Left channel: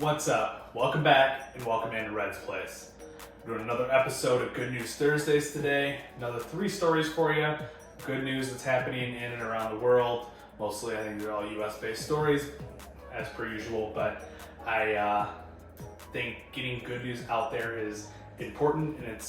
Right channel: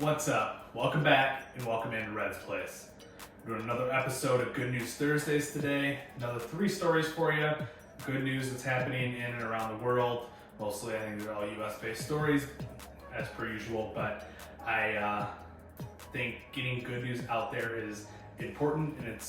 What's up? Welcome back and welcome into Red's Place. We're doing another episode of Good News Thursdays today. Another 3 stories for you. Good news that's happening in and around the world. Mostly I think they're all US-based stories as per usual, but I think getting good news out there is important, and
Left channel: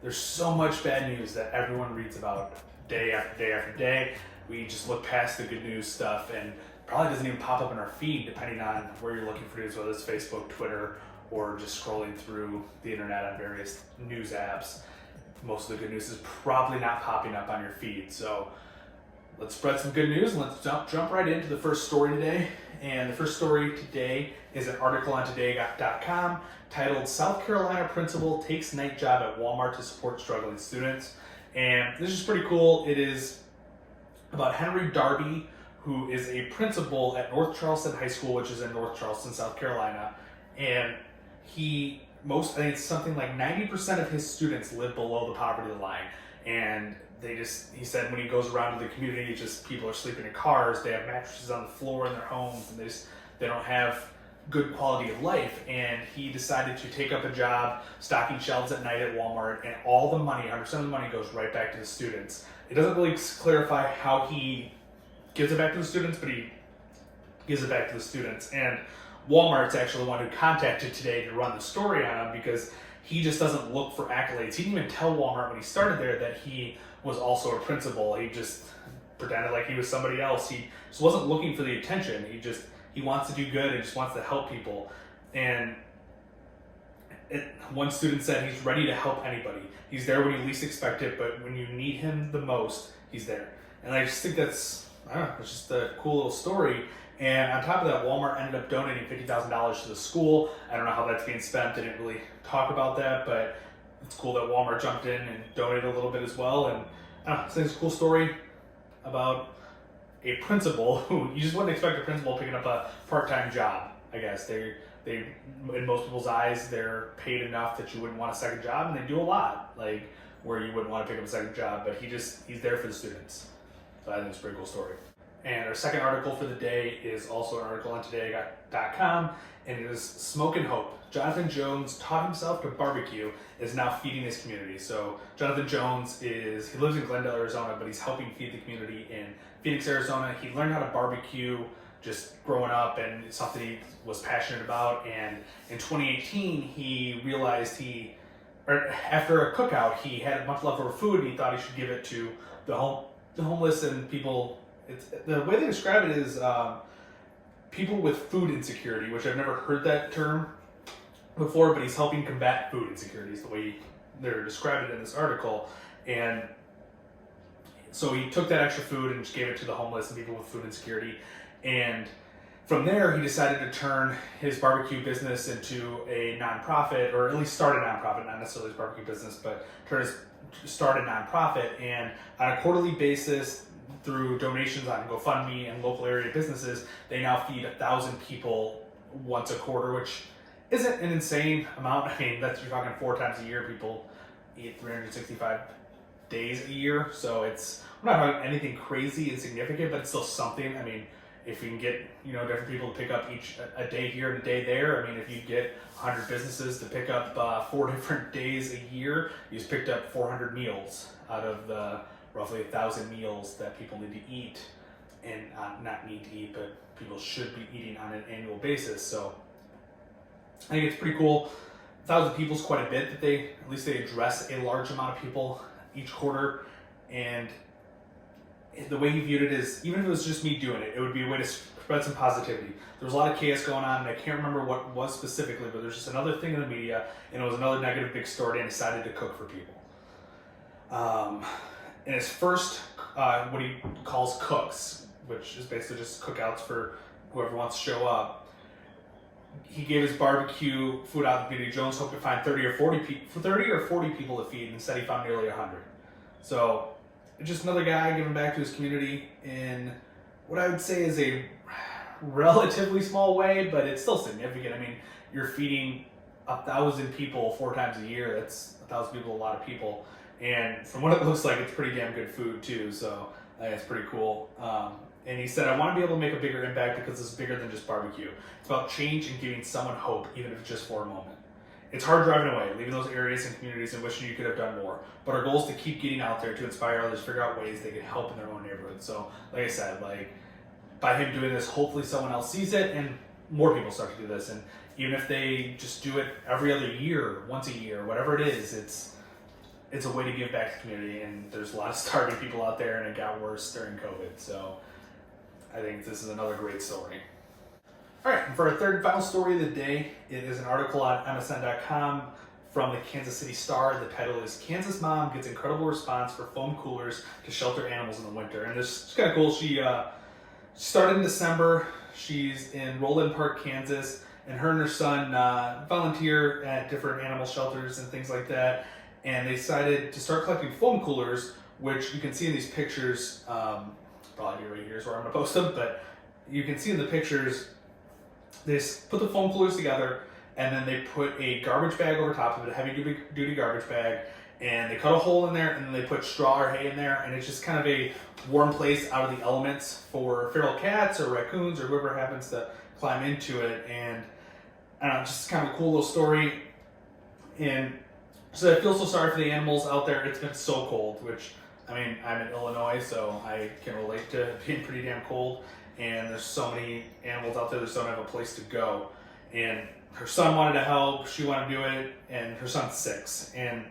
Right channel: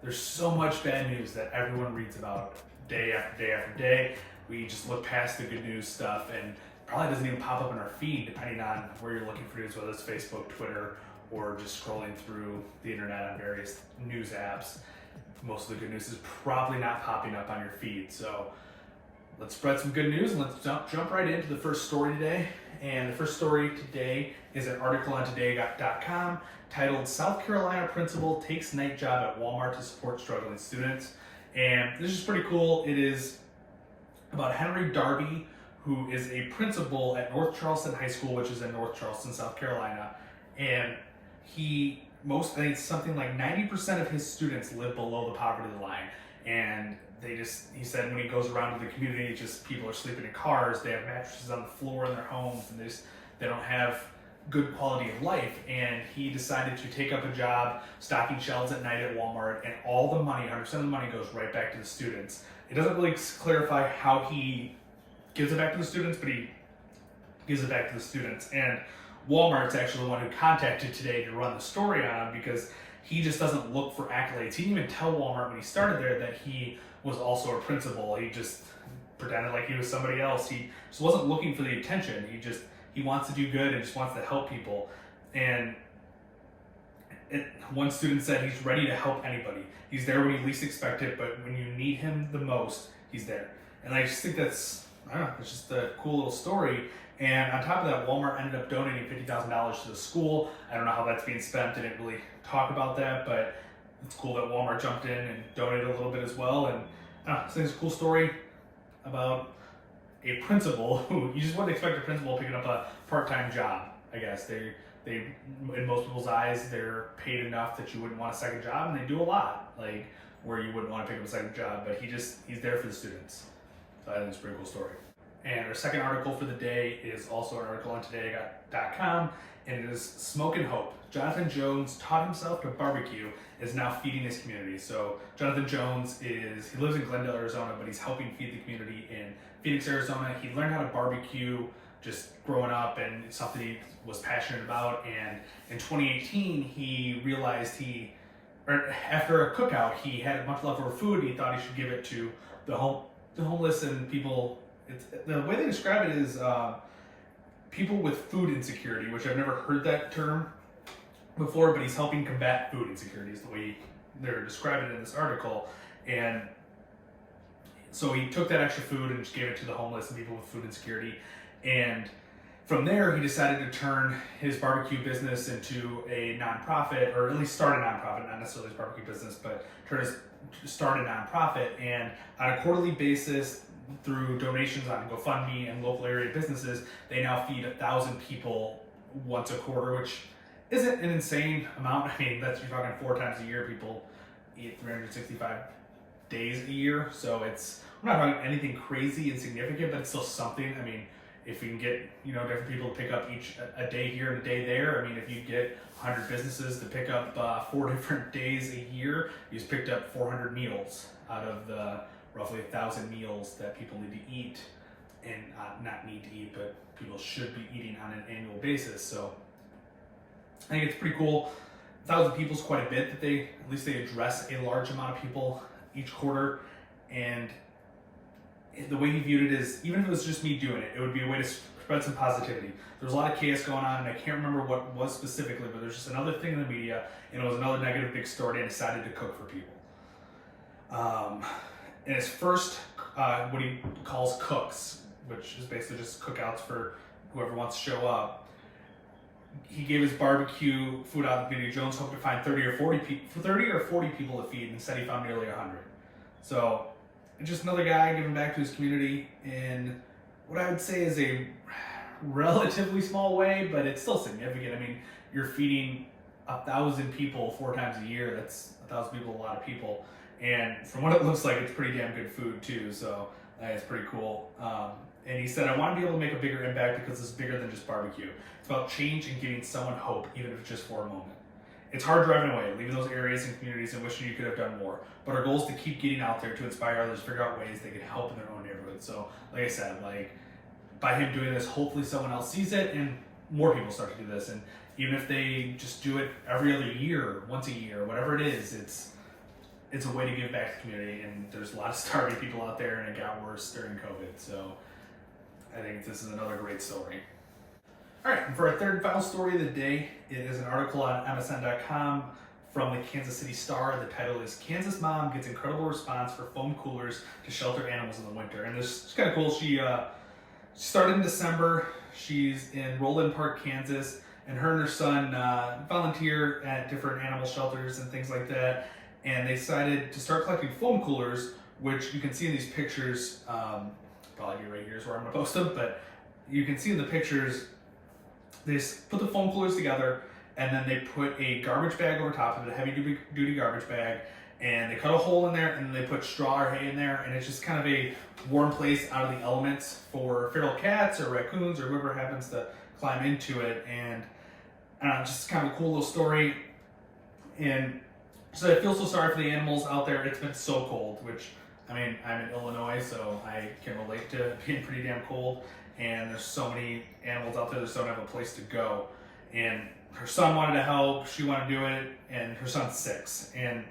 there's so much bad news that everyone reads about day after day after day. We just look past the good news stuff and probably doesn't even pop up in our feed depending on where you're looking for news, whether it's Facebook, Twitter, or just scrolling through the internet on various news apps. Most of the good news is probably not popping up on your feed. So let's spread some good news and let's jump right into the first story today. And the first story today is an article on today.com titled "South Carolina Principal Takes Night Job at Walmart to Support Struggling Students." And this is pretty cool. It is about Henry Darby, who is a principal at North Charleston High School, which is in North Charleston, South Carolina. And I think it's something like 90% of his students live below the poverty line. And he said when he goes around to the community, people are sleeping in cars, they have mattresses on the floor in their homes, and they don't have good quality of life. And he decided to take up a job stocking shelves at night at Walmart, and all the money, 100% of the money, goes right back to the students. It doesn't really clarify how he gives it back to the students, but he gives it back to the students. And Walmart's actually the one who contacted today to run the story on him, because he just doesn't look for accolades. He didn't even tell Walmart when he started there that he was also a principal. He just pretended like he was somebody else. He just wasn't looking for the attention. He wants to do good and just wants to help people. And one student said he's ready to help anybody. He's there when you least expect it, but when you need him the most, he's there. And I just think it's just a cool little story. And on top of that, Walmart ended up donating $50,000 to the school. I don't know how that's being spent. They didn't really talk about that, but it's cool that Walmart jumped in and donated a little bit as well. And I think it's a cool story about a principal who you just wouldn't expect a principal picking up a part-time job. I guess they in most people's eyes, they're paid enough that you wouldn't want a second job, and they do a lot, like where you wouldn't want to pick up a second job, but he's there for the students. So I think it's a pretty cool story. And our second article for the day is also an article on today.com, and it is Smoke and Hope. Jonathan Jones taught himself to barbecue, is now feeding his community. So Jonathan Jones he lives in Glendale, Arizona, but he's helping feed the community in Phoenix, Arizona. He learned how to barbecue just growing up, and it's something he was passionate about. And in 2018, he realized after a cookout, he had a bunch of leftover food, and he thought he should give it to the homeless and people. The way they describe it is people with food insecurity, which I've never heard that term before, but he's helping combat food insecurity is the way they're describing it in this article. And so he took that extra food and just gave it to the homeless and people with food insecurity. And from there, he decided to turn his barbecue business into a nonprofit, or at least start a nonprofit, not necessarily his barbecue business, but start a nonprofit. And on a quarterly basis, through donations on GoFundMe and local area businesses, they now feed 1,000 people once a quarter, which isn't an insane amount. I mean, you're talking 4 times a year. People eat 365 days a year, so we're not talking anything crazy and significant, but it's still something. I mean, if you can get different people to pick up a day here and a day there, I mean, if you get 100 businesses to pick up 4 different days a year, you just picked up 400 meals out of the roughly 1,000 meals that people need to eat, and not need to eat, but people should be eating on an annual basis. So I think it's pretty cool. 1,000 people is quite a bit that they address a large amount of people each quarter. And the way he viewed it is, even if it was just me doing it, it would be a way to spread some positivity. There was a lot of chaos going on, and I can't remember what it was specifically, but there's just another thing in the media, and it was another negative big story, and I decided to cook for people. In his first, what he calls cooks, which is basically just cookouts for whoever wants to show up, he gave his barbecue food out in the community. Jones hoped to find 30 or 40 people to feed, and instead he found nearly 100. So just another guy giving back to his community in what I would say is a relatively small way, but it's still significant. I mean, you're feeding 1,000 people 4 times a year. That's 1,000 people, a lot of people. And from what it looks like, it's pretty damn good food too. So I think it's pretty cool. And he said, I want to be able to make a bigger impact because it's bigger than just barbecue. It's about change and giving someone hope, even if it's just for a moment. It's hard driving away, leaving those areas and communities and wishing you could have done more. But our goal is to keep getting out there to inspire others, figure out ways they can help in their own neighborhood. So, like I said, by him doing this, hopefully someone else sees it and more people start to do this. And even if they just do it every other year, once a year, whatever it is, it's a way to give back to the community. And there's a lot of starving people out there, and it got worse during COVID. So I think this is another great story. All right, and for our third and final story of the day, it is an article on MSN.com from the Kansas City Star. The title is Kansas Mom Gets Incredible Response for Foam Coolers to Shelter Animals in the Winter. And this is kind of cool. She started in December. She's in Roland Park, Kansas, and her and her son volunteer at different animal shelters and things like that. And they decided to start collecting foam coolers, which you can see in these pictures. Probably be right here is where I'm going to post them, but you can see in the pictures, they put the foam coolers together, and then they put a garbage bag over top of it, a heavy-duty garbage bag, and they cut a hole in there, and then they put straw or hay in there, and it's just kind of a warm place out of the elements for feral cats or raccoons or whoever happens to climb into it. And I don't know, just kind of a cool little story. And so I feel so sorry for the animals out there. It's been so cold, which, I mean, I'm in Illinois, so I can relate to being pretty damn cold. And there's so many animals out there that don't have a place to go. And her son wanted to help, she wanted to do it, and her son's 6. And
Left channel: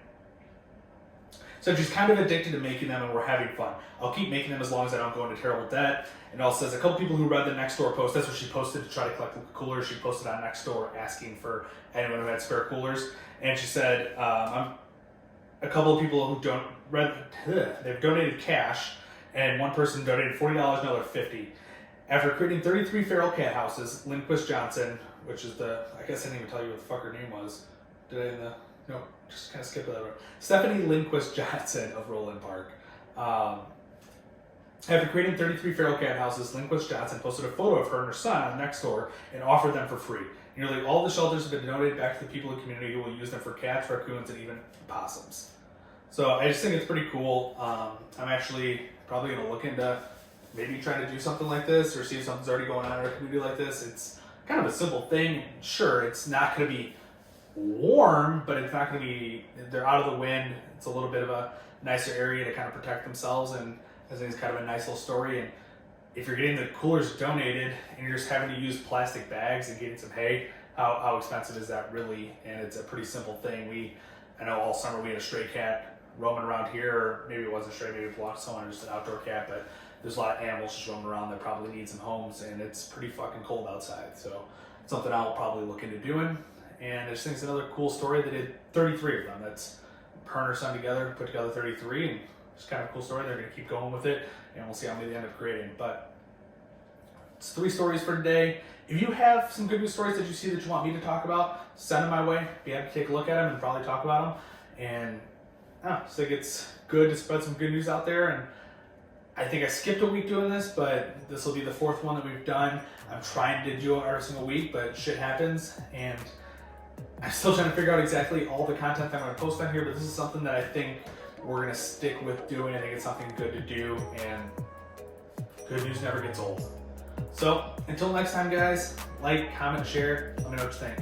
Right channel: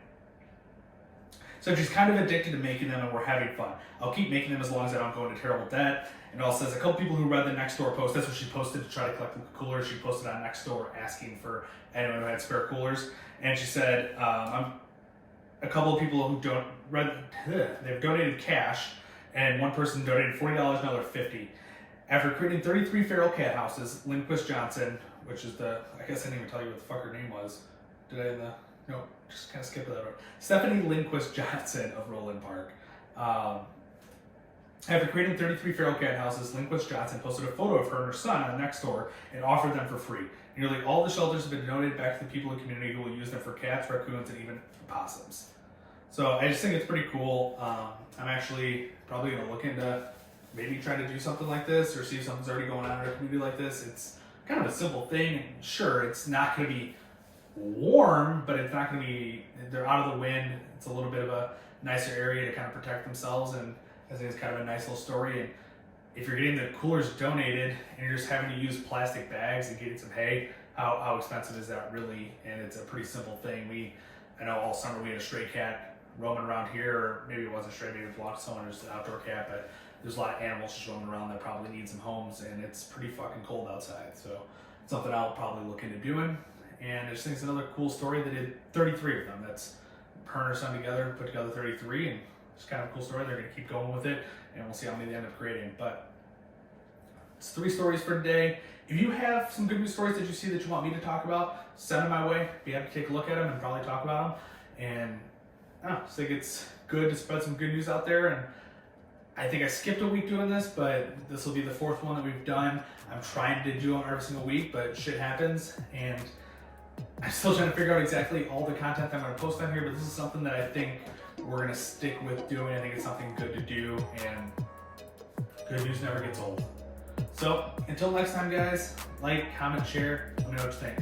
so she's kind of addicted to making them, and we're having fun. I'll keep making them as long as I don't go into terrible debt. And also says a couple people who read the Nextdoor post, that's what she posted to try to collect the coolers. She posted on Nextdoor asking for anyone who had spare coolers. And she said, a couple of people who they've donated cash, and one person donated $40, another $50. After creating 33 feral cat houses, Lindquist Johnson, which is I guess I didn't even tell you what the fuck her name was. Did I no, just kind of skip that over. Stephanie Lindquist Johnson of Roland Park. After creating 33 feral cat houses, Lindquist Johnson posted a photo of her and her son on Nextdoor and offered them for free. Nearly all the shelters have been donated back to the people in the community who will use them for cats, raccoons, and even possums. So I just think it's pretty cool. I'm actually probably going to look into maybe trying to do something like this or see if something's already going on in a community like this. It's kind of a simple thing. Sure, it's not going to be warm, but it's not going to be, they're out of the wind. It's a little bit of a nicer area to kind of protect themselves, and I think it's kind of a nice little story. And if you're getting the coolers donated and you're just having to use plastic bags and getting some hay, how expensive is that really? And it's a pretty simple thing. I know all summer we had a stray cat roaming around here, or maybe it wasn't stray, maybe it belonged to someone, it was an outdoor cat, but there's a lot of animals just roaming around that probably need some homes, and it's pretty fucking cold outside. So it's something I'll probably look into doing. And I just think it's another cool story. They did 33 of them. That's her and her son together, put together 33, and it's kind of a cool story. They're going to keep going with it, and we'll see how many they end up creating. But it's 3 stories for today. If you have some good news stories that you see that you want me to talk about, send them my way. Be happy to take a look at them and probably talk about them. And I just think it's good to spread some good news out there. And I think I skipped a week doing this, but this will be the 4th one that we've done. I'm trying to do them every single week, but shit happens. And I'm still trying to figure out exactly all the content I'm going to post on here, but this is something that I think we're going to stick with doing. I think it's something good to do, and good news never gets old. So until next time, guys, like, comment, share. Let me know what you think.